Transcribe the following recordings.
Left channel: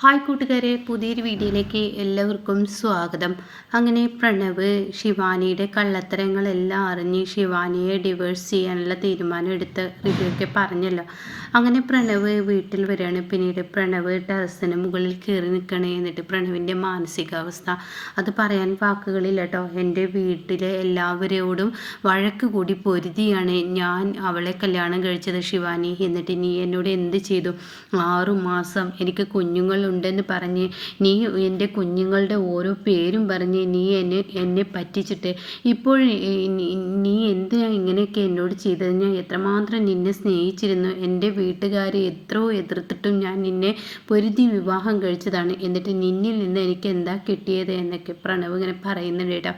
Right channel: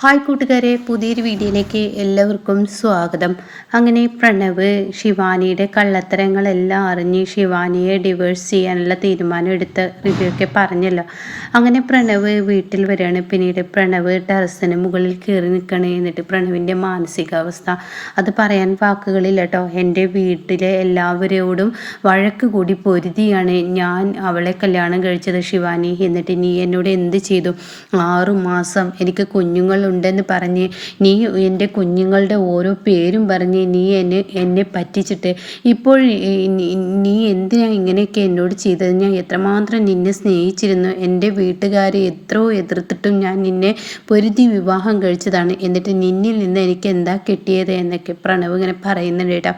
Hi കൂട്ടുകാരെ, പുതിയൊരു വീഡിയോയിലേക്ക് എല്ലാവർക്കും സ്വാഗതം. അങ്ങനെ പ്രണവ് ശിവാനിയുടെ കള്ളത്തരങ്ങളെല്ലാം അറിഞ്ഞ് ശിവാനിയെ ഡിവോഴ്സ് ചെയ്യാനുള്ള തീരുമാനം എടുത്ത റിവ്യൂ ഒക്കെ പറഞ്ഞല്ലോ. അങ്ങനെ പ്രണവ് വീട്ടിൽ വരികയാണ്. പിന്നീട് പ്രണവ് ടെറസിന് മുകളിൽ കയറി നിൽക്കണേ. എന്നിട്ട് പ്രണവിൻ്റെ മാനസികാവസ്ഥ അത് പറയാൻ വാക്കുകളില്ല കേട്ടോ. എൻ്റെ വീട്ടിലെ എല്ലാവരോടും വഴക്ക് കൂടി പൊരുതിയാണ് ഞാൻ അവളെ കല്യാണം കഴിച്ചത് ശിവാനി. എന്നിട്ട് നീ എന്നോട് എന്ത് ചെയ്തു? 6 മാസം എനിക്ക് കുഞ്ഞുങ്ങളുണ്ടെന്ന് പറഞ്ഞ് നീ എൻ്റെ കുഞ്ഞുങ്ങളുടെ ഓരോ പേരും പറഞ്ഞ് നീ എന്നെ പറ്റിച്ചിട്ട് ഇപ്പോൾ നീ എന്തിനാ ഇങ്ങനെയൊക്കെ എന്നോട് ചെയ്തത്? ഞാൻ എത്രമാത്രം നിന്നെ സ്നേഹിച്ചിരുന്നു. എൻ്റെ വീട്ടുകാരെ എത്രയോ എതിർത്തിട്ടും ഞാൻ നിന്നെ പൊരുതി വിവാഹം കഴിച്ചതാണ്. എന്നിട്ട് നിന്നിൽ നിന്ന് എനിക്ക് എന്താ കിട്ടിയത് എന്നൊക്കെ പ്രണവ് ഇങ്ങനെ പറയുന്നുണ്ട് കേട്ടോ.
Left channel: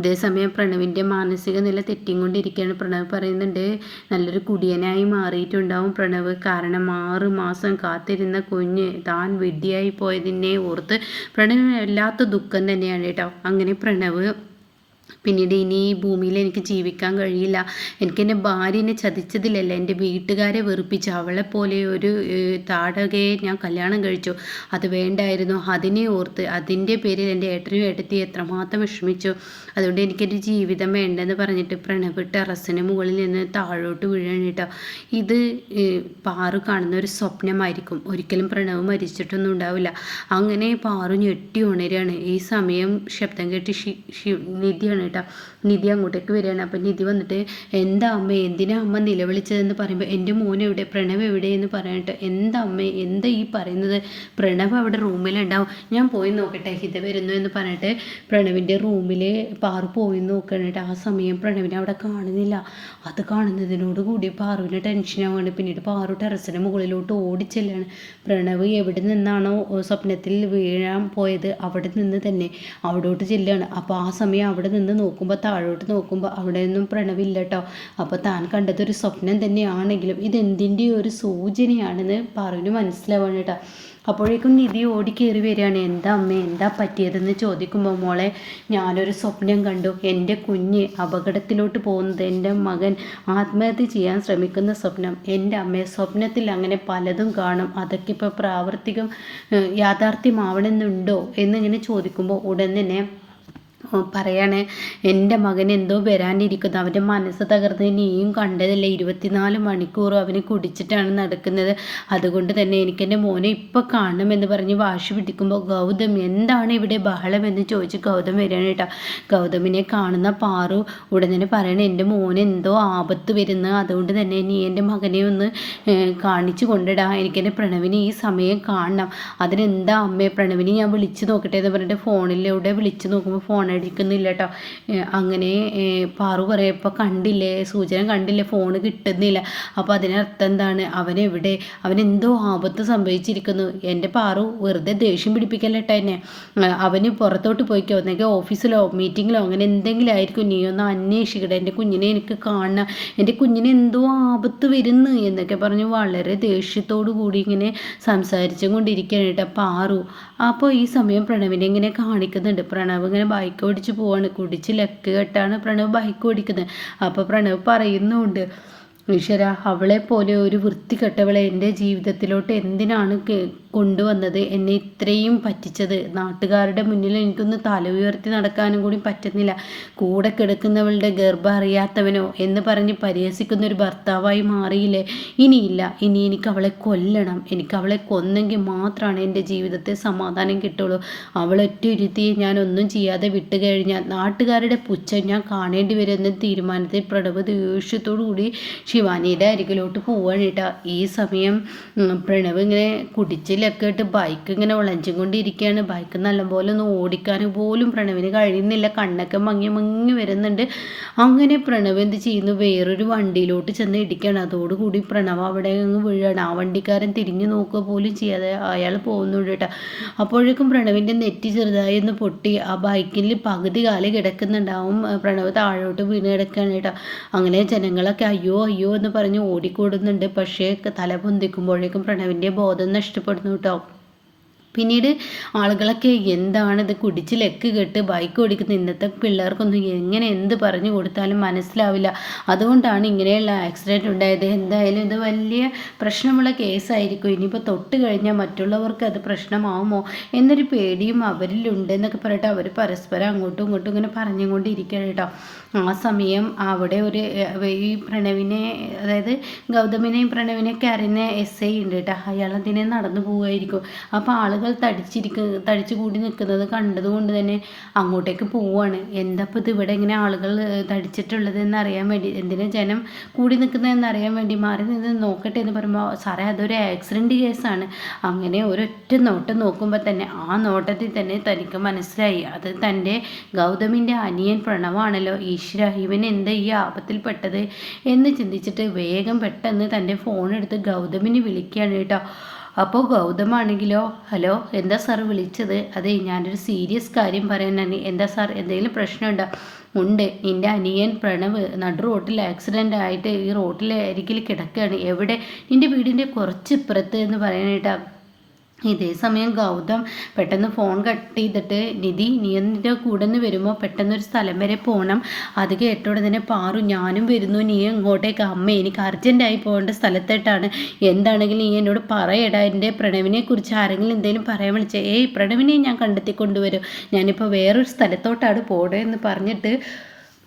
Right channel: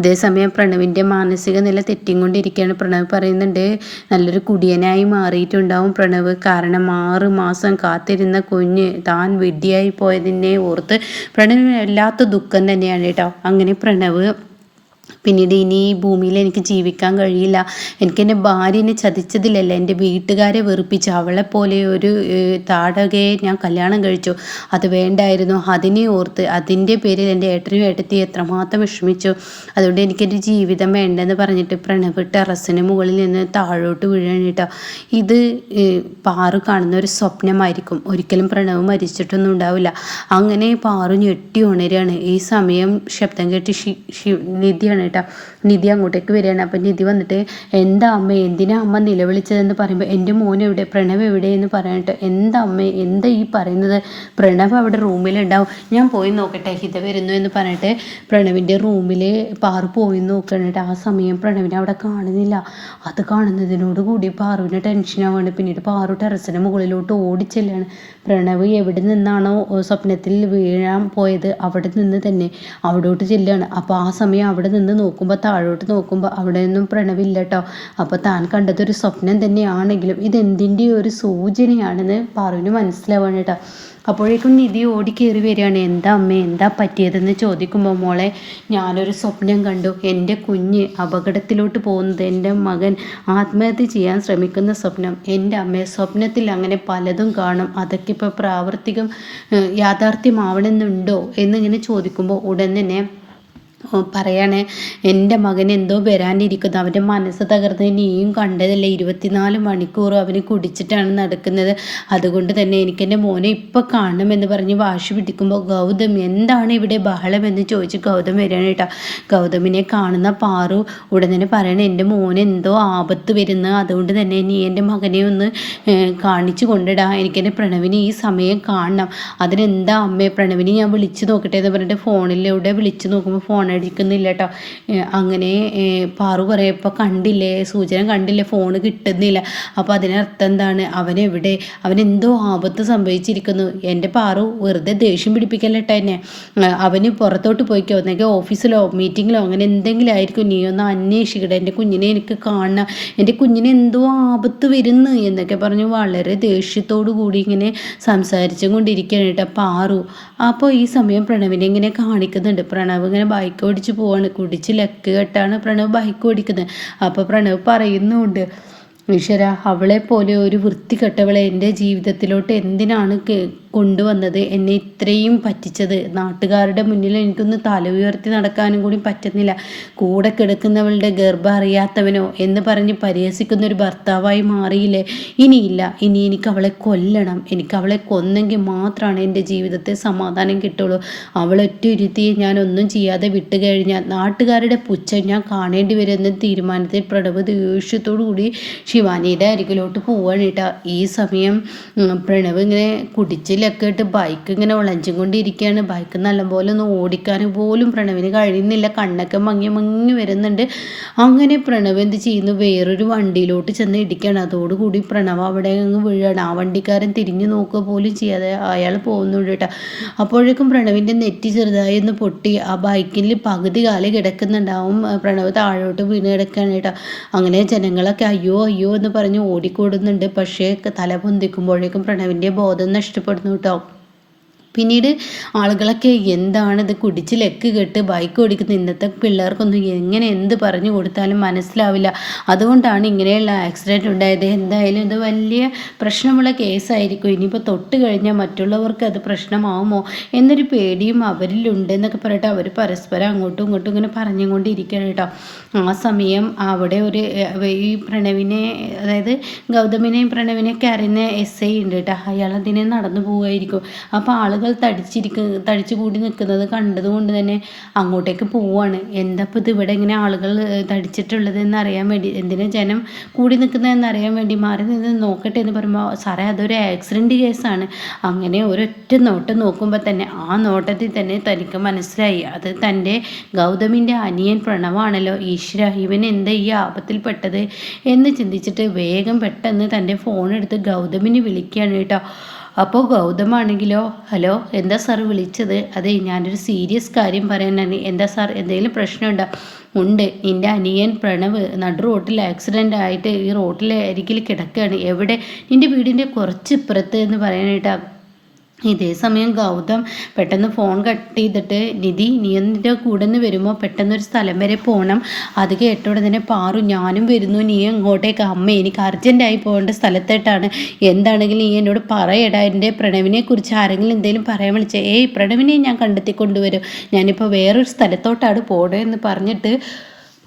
അതേസമയം പ്രണവിൻ്റെ മാനസിക നില തെറ്റിക്കൊണ്ടിരിക്കുകയാണ്. പ്രണവ് പറയുന്നുണ്ട്, നല്ലൊരു കുടിയനായി മാറിയിട്ടുണ്ടാവും പ്രണവ്. കാരണം 6 മാസം കാത്തിരുന്ന കുഞ്ഞ് താൻ വിഡ്ഢിയായി പോയതിനെ ഓർത്ത് പ്രണവിന് വല്ലാത്ത ദുഃഖം തന്നെയാണ് കേട്ടോ. അങ്ങനെ പ്രണവ് പിന്നീട് ഇനി ഈ ഭൂമിയിൽ എനിക്ക് ജീവിക്കാൻ കഴിയില്ല. എൻ്റെ ഭാര്യനെ ചതിച്ചതിലല്ല, എൻ്റെ വീട്ടുകാരെ വെറുപ്പിച്ച് അവളെപ്പോലെ ഒരു താടകയെ ഞാൻ കല്യാണം കഴിച്ചു. അത് വേണ്ടായിരുന്നു. അതിനെ ഓർത്ത് അതിൻ്റെ പേരിൽ എൻ്റെ ഏട്ടനും ഏട്ടത്തി എത്രമാത്രം വിഷമിച്ചു. അതുകൊണ്ട് എനിക്കൊരു ജീവിതം വേണ്ടെന്ന് പറഞ്ഞിട്ട് പ്രണവ് ടെറസിന് മുകളിൽ നിന്ന് താഴോട്ട് വീഴാണ് കേട്ടോ. ഇത് പാറു കാണുന്ന ഒരു സ്വപ്നമായിരിക്കും. ഒരിക്കലും പ്രണവ് മരിച്ചിട്ടൊന്നും ഉണ്ടാവില്ല. അങ്ങനെ പാറു ഞെട്ടി ഉണരുകയാണ്. ഈ സമയം ശബ്ദം കേട്ട് നിധിയാണ് കേട്ടോ. നിധി അങ്ങോട്ടേക്ക് വരികയാണ്. അപ്പം നിധി വന്നിട്ട്, എന്താ അമ്മ, എന്തിനാ അമ്മ നിലവിളിച്ചതെന്ന് പറയുമ്പോൾ, എൻ്റെ മോൻ എവിടെ, പ്രണവ് എവിടെ എന്ന് പറയാനിട്ട്, എന്താ അമ്മേ, എന്താ ഈ പറയുന്നത്? പ്രണവ് അവിടെ റൂമിലുണ്ടാവും, ഞാൻ പോയി നോക്കട്ടെ, ഹിത വരുന്നു എന്ന് പറഞ്ഞിട്ട് പ്രണവിൻ്റെ റൂമിൽ പാറു പോയി നോക്കണം കേട്ടോ. ആ സമയം പ്രണവിനെ അവിടെ കാണുന്നില്ല. അത് കാണുന്നതിനോട് കൂടി പാറുവിന് ടെൻഷനാവാണ്. പിന്നീട് പാറു ടെറസിന് മുകളിലോട്ട് ഓടിച്ചെല്ലാണ്. പ്രണവ് എവിടെ നിന്നാണോ സ്വപ്നത്തിൽ വീഴാൻ പോയത് അവിടെ നിന്ന് തന്നെ അവിടോട്ട് ചെല്ലുകയാണ്. അപ്പോൾ ആ സമയം അവിടെ നിന്ന് നോക്കുമ്പോൾ, താഴോട്ട് നോക്കുമ്പോൾ അവിടെ നിന്നും പ്രണവില്ല കേട്ടോ. അപ്പോൾ താൻ കണ്ടതൊരു സ്വപ്നം തന്നെയാണെങ്കിലും ഇതെന്തിൻ്റെ ഒരു സൂചനയാണെന്ന് പാറുവിന് മനസ്സിലാവാണ് കേട്ടോ. അപ്പോഴേക്കും നിധി ഓടിക്കേറി വരികയാണ്. എന്താ അമ്മേ, എന്താ പറ്റിയതെന്ന് ചോദിക്കുമ്പോൾ, മോളെ, ഞാനൊരു സ്വപ്നം കണ്ടു. എൻ്റെ കുഞ്ഞ് അപകടത്തിലോട്ട് പോകുന്നത്, എൻ്റെ മകൻ ആത്മഹത്യ ചെയ്യാൻ ശ്രമിക്കുന്ന സ്വപ്നം. എൻ്റെ അമ്മയെ സ്വപ്നത്തിൽ അങ്ങനെ പലതും കാണും, അതൊക്കെ ഇപ്പോൾ യാഥാർത്ഥ്യമാവണമെന്നുണ്ടോ എന്നിങ്ങനെ ചോദിക്കുമ്പോൾ ഉടൻ തന്നെ പറയാണ്, എൻ്റെ മകൻ എന്തോ വരാനിരിക്കുന്നു. അവൻ്റെ മനസ്സ് തകർന്ന് നീയും കണ്ടതല്ലേ, 24 മണിക്കൂറും അവന് കുടിച്ചിട്ടാണ് നടക്കുന്നത്. അതുകൊണ്ട് തന്നെ എനിക്കെൻ്റെ മോനെ ഇപ്പം കാണണമെന്ന് പറഞ്ഞ് വാശി പിടിക്കുമ്പോൾ, ഗൗതം എന്താണ് ഇവിടെ ബഹളം എന്ന് ചോദിച്ച് ഗൗതം വരികയാണ് കേട്ടോ. ഗൗതമിനെ കാണുന്ന പാറു ഉടൻ തന്നെ പറയണേ, എൻ്റെ മോന് എന്തോ ആപത്ത് വരുന്നു, അതുകൊണ്ട് തന്നെ നീ എൻ്റെ മകനെ ഒന്ന് കാണിച്ചു കൊണ്ടിടാ, എനിക്കെൻ്റെ പ്രണവിനെ ഈ സമയം കാണണം. അതിനെന്താ അമ്മേ, പ്രണവിനെ ഞാൻ വിളിച്ചു നോക്കട്ടെ എന്ന് പറഞ്ഞിട്ട് ഫോണിലൂടെ വിളിച്ചു നോക്കുമ്പോൾ ഫോൺ അടിക്കുന്നില്ല കേട്ടോ. അങ്ങനെ പാറു പറയപ്പോൾ, കണ്ടില്ലേ, സൂചന കണ്ടില്ലേ, ഫോണ് കിട്ടുന്നില്ല. അപ്പോൾ അതിനർത്ഥം എന്താണ്? അവനെവിടെ, അവനെന്തോ ആപത്ത് സംഭവിച്ചിരിക്കുന്നു. എൻ്റെ പാറു വെറുതെ ദേഷ്യം പിടിപ്പിക്കല്ലേട്ടോ എന്നെ. അവന് പുറത്തോട്ട് പോയിക്കോ, ഒന്നെങ്കിൽ ഓഫീസിലോ മീറ്റിങ്ങിലോ അങ്ങനെ എന്തെങ്കിലും ആയിരിക്കും. നീ ഒന്ന് അന്വേഷിക്കട്ടെ, എൻ്റെ കുഞ്ഞിനെ എനിക്ക് കാണണം, എൻ്റെ കുഞ്ഞിനെ എന്തോ ആപത്ത് വരുന്നു എന്നൊക്കെ പറഞ്ഞ് വളരെ ദേഷ്യത്തോടു കൂടി ഇങ്ങനെ സംസാരിച്ചും കൊണ്ടിരിക്കുകയാണ് കേട്ടോ പാറു. അപ്പോൾ ഈ സമയം പ്രണവിനെ ഇങ്ങനെ കാണിക്കുന്നുണ്ട്. പ്രണവ് ഇങ്ങനെ ബൈക്ക് ഓടിച്ച് പോവാണ്. കുടിച്ച് ലക്ക് കെട്ടാണ് പ്രണവ് ബൈക്ക് ഓടിക്കുന്നത്. അപ്പോൾ പ്രണവ് പറയുന്നുണ്ട്, ഈശ്വര, അവളെ പോലെ ഒരു വൃത്തികെട്ടവളെ എൻ്റെ ജീവിതത്തിലോട്ട് എന്തിനാണ് കൊണ്ടുവന്നത്? എന്നെ ഇത്രയും പറ്റിച്ചത്. നാട്ടുകാരുടെ മുന്നിൽ എനിക്കൊന്ന് തല ഉയർത്തി നടക്കാനും കൂടി പറ്റുന്നില്ല. കൂടെ കിടക്കുന്നവളുടെ ഗർഭം അറിയാത്തവനോ എന്ന് പറഞ്ഞ് പരിഹസിക്കുന്ന ഒരു ഭർത്താവായി മാറിയില്ലേ? ഇനിയില്ല, ഇനി എനിക്ക് അവളെ കൊല്ലണം. എനിക്ക് അവളെ കൊന്നെങ്കിൽ മാത്രമാണ് എൻ്റെ ജീവിതത്തെ സമാധാനം കിട്ടുള്ളൂ. അവളൊറ്റൊരുത്തിയെ ഞാൻ ഒന്നും ചെയ്യാതെ വിട്ടു കഴിഞ്ഞാൽ നാട്ടുകാരുടെ പുച്ഛം ഞാൻ കാണേണ്ടി വരുമെന്ന തീരുമാനത്തിൽ പ്രണവ് ദേഷ്യത്തോടു കൂടി ശിവാനിയുടെ അരികിലോട്ട് പോവാണ് കേട്ടോ. ഈ സമയം പ്രണവ് ഇങ്ങനെ കുടിച്ചിലൊക്കെ ഇട്ട് ബൈക്ക് ഇങ്ങനെ വിളഞ്ചും കൊണ്ടിരിക്കുകയാണ്. ബൈക്ക് നല്ലപോലെ ഒന്ന് ഓടിക്കാൻ പോലും പ്രണവിന് കഴിയുന്നില്ല. കണ്ണൊക്കെ മങ്ങി വരുന്നുണ്ട്. അങ്ങനെ പ്രണവ് എന്ത് ചെയ്യുന്നു, വേറൊരു വണ്ടിയിലോട്ട് ചെന്ന് ഇടിക്കുകയാണ്. അതോടുകൂടി പ്രണവ് അവിടെ അങ്ങ് വീഴാണ്. ആ വണ്ടിക്കാരൻ തിരിഞ്ഞു നോക്കുക പോലും ചെയ്യാതെ അയാൾ പോകുന്നുണ്ട് കേട്ടോ. അപ്പോഴേക്കും പ്രണവിൻ്റെ നെറ്റി ചെറുതായി ഒന്ന് പൊട്ടി ആ ബൈക്കിൽ പകുതി കാല് കിടക്കുന്നുണ്ടാവും. പ്രണവ് താഴോട്ട് വീണ് കിടക്കുകയാണ് കേട്ടോ. അങ്ങനെ ജനങ്ങളൊക്കെ അയ്യോ അയ്യോ എന്ന് പറഞ്ഞ് ഓടിക്കൂടുന്നുണ്ട്. പക്ഷേ തല പൊന്തിക്കുമ്പോഴേക്കും പ്രണവിൻ്റെ ബോധം നഷ്ടപ്പെടുന്നു കേട്ടോ. പിന്നീട് ആളുകളൊക്കെ എന്താണിത് കുടിച്ച് ലെക്ക് കെട്ട് ബൈക്ക് ഓടിക്കുന്ന ഇന്നത്തെ പിള്ളേർക്കൊന്നും എങ്ങനെ എന്ത് പറഞ്ഞു കൊടുത്താലും മനസ്സിലാവില്ല. അതുകൊണ്ടാണ് ഇങ്ങനെയുള്ള ആക്സിഡൻറ്റ് ഉണ്ടായത്. എന്തായാലും ഇത് വലിയ പ്രശ്നമുള്ള കേസായിരിക്കും. ഇനിയിപ്പോൾ തൊട്ട് കഴിഞ്ഞാൽ മറ്റുള്ളവർക്ക് അത് പ്രശ്നമാവുമോ എന്നൊരു പേടിയും അവരിലുണ്ട് എന്നൊക്കെ പറഞ്ഞിട്ട് അവർ പരസ്പരം അങ്ങോട്ടും ഇങ്ങോട്ടും ഇങ്ങനെ പറഞ്ഞുകൊണ്ടിരിക്കുകയാണ് കേട്ടോ. ആ സമയം അവിടെ ഈ പ്രണവിനെ, അതായത് ഗൗതമിനെയും പ്രണവിനെ കരഞ്ഞ SI ഉണ്ട് കേട്ടോ. അയാളതിനെ നടന്നു പോവുമായിരിക്കും. അപ്പോൾ ആളുകൾ തടിച്ചു കൂടി നിൽക്കുന്നത് കണ്ടതുകൊണ്ട് തന്നെ അങ്ങോട്ടേക്ക് പോവാണ്. എന്താ ഇപ്പോൾ ഇത് ഇവിടെ ഇങ്ങനെ ആളുകൾ തടിച്ചിട്ടുള്ളത് എന്നറിയാൻ വേണ്ടി, എന്തിനാ ജനം കൂടി നിൽക്കുന്നതെന്ന് അറിയാൻ വേണ്ടി മാറി നിന്ന് നോക്കട്ടെ എന്ന് പറയുമ്പോൾ, സാറേ അതൊരു ആക്സിഡൻറ്റ് കേസാണ്. അങ്ങനെ ഒരൊറ്റ നോട്ടം നോക്കുമ്പോൾ തന്നെ ആ നോട്ടത്തിൽ തന്നെ തനിക്ക് മനസ്സിലായി അത് തൻ്റെ ഗൗതമിൻ്റെ അനിയൻ പ്രണവാണല്ലോ. ഈശ്വര, ഇവൻ എന്താ ഈ ആപത്തിൽപ്പെട്ടത് എന്ന് ചിന്തിച്ചിട്ട് വേഗം പെട്ടെന്ന് തൻ്റെ ഫോൺ എടുത്ത് ഗൗതമിനെ വിളിക്കുകയാണ് കേട്ടോ. അപ്പോൾ ഗൗതമാണെങ്കിലോ, ഹലോ, എന്താ സാർ വിളിച്ചത്? അതെ, ഞാനൊരു സീരിയസ് കാര്യം പറയാനാണ്. എന്താ സാർ, എന്തെങ്കിലും പ്രശ്നമുണ്ടോ? ഉണ്ട്, നിൻ്റെ അനിയൻ പ്രണവ് നടു റോട്ടിൽ ആക്സിഡൻ്റ് ആയിട്ട് ഈ റോട്ടിലെ അരികിൽ കിടക്കുകയാണ്. എവിടെ? നിൻ്റെ വീടിൻ്റെ കുറച്ച് ഇപ്പുറത്ത് എന്ന് പറയാനായിട്ടാ. ഇതേ സമയം ഗൗതം പെട്ടെന്ന് ഫോൺ കട്ട് ചെയ്തിട്ട്, നിധി, നീ എൻ്റെ കൂടെ നിന്ന് വരുമ്പോൾ പെട്ടെന്നൊരു സ്ഥലം വരെ പോകണം. അത് കേട്ടോടെ തന്നെ പാറു, ഞാനും വരുന്നു, നീ ഇങ്ങോട്ടേക്ക്. അമ്മ, എനിക്ക് അർജൻറ്റായി പോകേണ്ട സ്ഥലത്തോട്ടാണ്. എന്താണെങ്കിലും നീ എന്നോട് പറയടാ. എൻ്റെ പ്രണവിനെ കുറിച്ച് ആരെങ്കിലും എന്തെങ്കിലും പറയാൻ വിളിച്ചേ? ഏയ്, പ്രണവിനെ ഞാൻ കണ്ടെത്തി കൊണ്ടുവരും. ഞാനിപ്പോൾ വേറൊരു സ്ഥലത്തോട്ടാണ് പോകണമെന്ന് പറഞ്ഞിട്ട്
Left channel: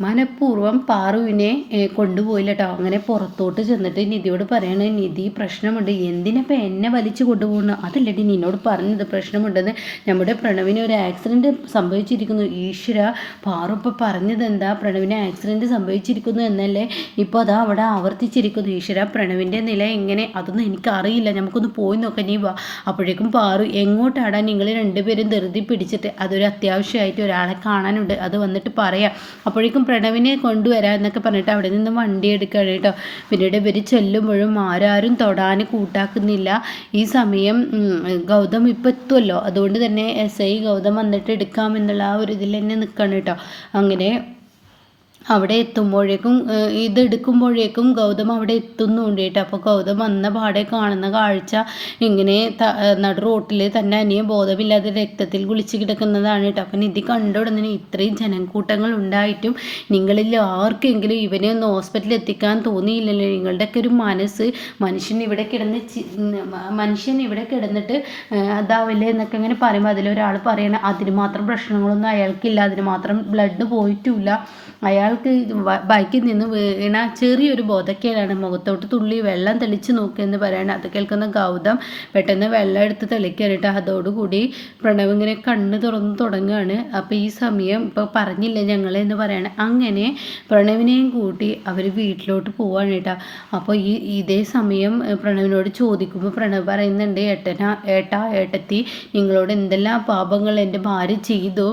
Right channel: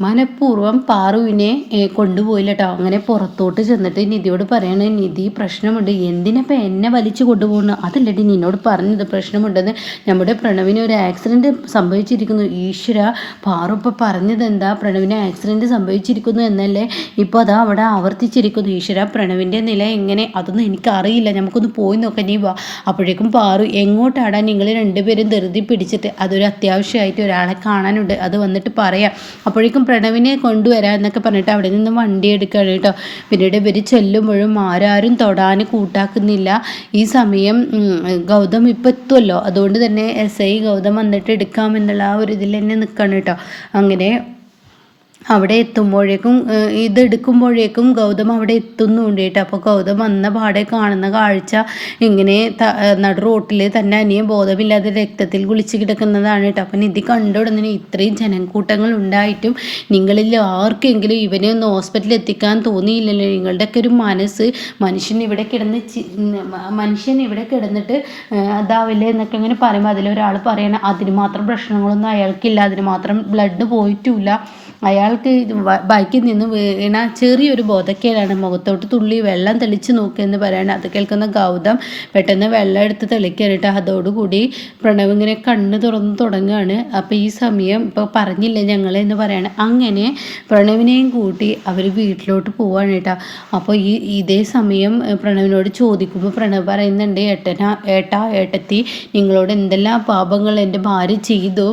മനഃപൂർവ്വം പാറുവിനെ കൊണ്ടുപോയില്ല കേട്ടോ. അങ്ങനെ പുറത്തോട്ട് ചെന്നിട്ട് നിധിയോട് പറയണേ, നിധി, പ്രശ്നമുണ്ട്. എന്തിനപ്പോൾ എന്നെ വലിച്ചു കൊണ്ടുപോകുന്നു? അതല്ലടി നിന്നോട് പറഞ്ഞത് പ്രശ്നമുണ്ടെന്ന്. നമ്മുടെ പ്രണവിന് ഒരു ആക്സിഡൻറ്റ് സംഭവിച്ചിരിക്കുന്നു. ഈശ്വര, പാറു ഇപ്പോൾ പറഞ്ഞത് എന്താ? പ്രണവിന് ആക്സിഡൻറ്റ് സംഭവിച്ചിരിക്കുന്നു എന്നല്ലേ? ഇപ്പോൾ അതാ അവിടെ ആവർത്തിച്ചിരിക്കുന്നു. ഈശ്വര, പ്രണവിൻ്റെ നില എങ്ങനെ? അതൊന്നും എനിക്കറിയില്ല. നമുക്കൊന്ന് പോയി നോക്കാം, നീ വാ. അപ്പോഴേക്കും പാറു, എങ്ങോട്ടാടാ? നിങ്ങൾ രണ്ടുപേരും ധൃതി പിടിച്ചിട്ട്? അതൊരു അത്യാവശ്യമായിട്ട് ഒരാളെ കാണാനുണ്ട്, അത് വന്നിട്ട് പറയാം. അപ്പോഴേക്കും പ്രണവിനെ കൊണ്ടുവരാം എന്നൊക്കെ പറഞ്ഞിട്ട് അവിടെ നിന്ന് വണ്ടി എടുക്കുകയാണ് കേട്ടോ. പിന്നീട് ഇവർ ചെല്ലുമ്പോഴും ആരും തൊടാൻ കൂട്ടാക്കുന്നില്ല. ഈ സമയം ഗൗതം ഇപ്പം എത്തുമല്ലോ, അതുകൊണ്ട് തന്നെ SI ഗൗതം വന്നിട്ട് എടുക്കാമെന്നുള്ള ആ ഒരു ഇതിൽ തന്നെ നിൽക്കണം കേട്ടോ. അങ്ങനെ അവിടെ എത്തുമ്പോഴേക്കും, ഇതെടുക്കുമ്പോഴേക്കും ഗൗതം അവിടെ എത്തുന്നുണ്ട് കേട്ടോ. അപ്പോൾ ഗൗതം വന്ന പാടെ കാണുന്ന കാഴ്ച ഇങ്ങനെ നടു റോട്ടിൽ തന്നെ അനിയൻ ബോധമില്ലാതെ രക്തത്തിൽ കുളിച്ച് കിടക്കുന്നതാണ് കേട്ടോ. അപ്പം നിധി കണ്ടുടനെ ഇത്രയും ജനക്കൂട്ടങ്ങൾ ഉണ്ടായിട്ടും നിങ്ങളിൽ ആർക്കെങ്കിലും ഇവനെ ഒന്ന് ഹോസ്പിറ്റലിൽ എത്തിക്കാൻ തോന്നിയില്ലല്ലോ? നിങ്ങളുടെയൊക്കെ ഒരു മനസ്സ്, മനുഷ്യൻ ഇവിടെ കിടന്നിട്ട് അതാവില്ലേ എന്നൊക്കെ അങ്ങനെ പറയുമ്പോൾ അതിലൊരാൾ പറയണം, അതിന് മാത്രം പ്രശ്നങ്ങളൊന്നും അയാൾക്കില്ല, അതിന് മാത്രം ബ്ലഡ് പോയിട്ടുമില്ല, അയാൾക്ക് ബൈക്കിൽ നിന്ന് വീണ ചെറിയൊരു ബോധക്കേടാണ്, മുഖത്തോട്ട് തുള്ളി വെള്ളം തെളിച്ച് നോക്കിയെന്ന് പറയണം. അത് കേൾക്കുന്ന ഗൗതം പെട്ടെന്ന് വെള്ളം എടുത്ത് തെളിക്കാനിട്ട് അതോടുകൂടി പ്രണവ് ഇങ്ങനെ കണ്ണ് തുറന്ന് തുടങ്ങുകയാണ്. അപ്പോൾ ഈ സമയം ഇപ്പോൾ പറഞ്ഞില്ല ഞങ്ങളെന്ന് പറയണം. അങ്ങനെ പ്രണവിനെയും കൂട്ടി അവർ വീട്ടിലോട്ട് പോവാണ് കേട്ടോ. അപ്പോൾ ഇതേ സമയം പ്രണവിനോട് ചോദിക്കുമ്പോൾ പ്രണവ് പറയുന്നുണ്ട്, ഏട്ടത്തി, നിങ്ങളോട് എന്തെല്ലാം പാപങ്ങൾ എൻ്റെ ഭാര്യ ചെയ്തു.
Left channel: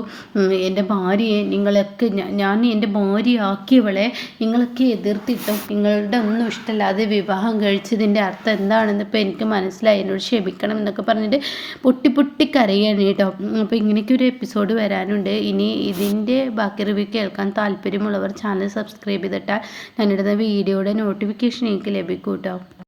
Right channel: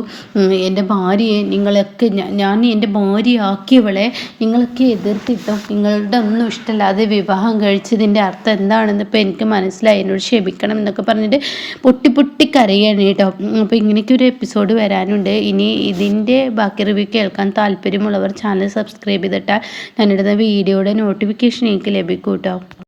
എൻ്റെ ഭാര്യയെ നിങ്ങളൊക്കെ, ഞാൻ എൻ്റെ ഭാര്യയാക്കിയവളെ നിങ്ങളൊക്കെ എതിർത്തിട്ടും നിങ്ങളുടെ ഒന്നും ഇഷ്ടമല്ലാതെ വിവാഹം കഴിച്ചതിൻ്റെ അർത്ഥം എന്താണെന്ന് ഇപ്പോൾ എനിക്ക് മനസ്സിലായി, എന്നോട് ക്ഷമിക്കണം എന്നൊക്കെ പറഞ്ഞിട്ട് പൊട്ടി കരയാണ് കേട്ടോ. അപ്പോൾ ഇങ്ങനെയൊക്കെ ഒരു എപ്പിസോഡ് വരാനുണ്ട്. ഇനി ഇതിൻ്റെ ബാക്കി റിവ്യൂ കേൾക്കാൻ താല്പര്യമുള്ളവർ ചാനൽ സബ്സ്ക്രൈബ് ചെയ്തിട്ടാൽ ഞാനിടുന്ന വീഡിയോയുടെ നോട്ടിഫിക്കേഷൻ എനിക്ക് ലഭിക്കും കേട്ടോ.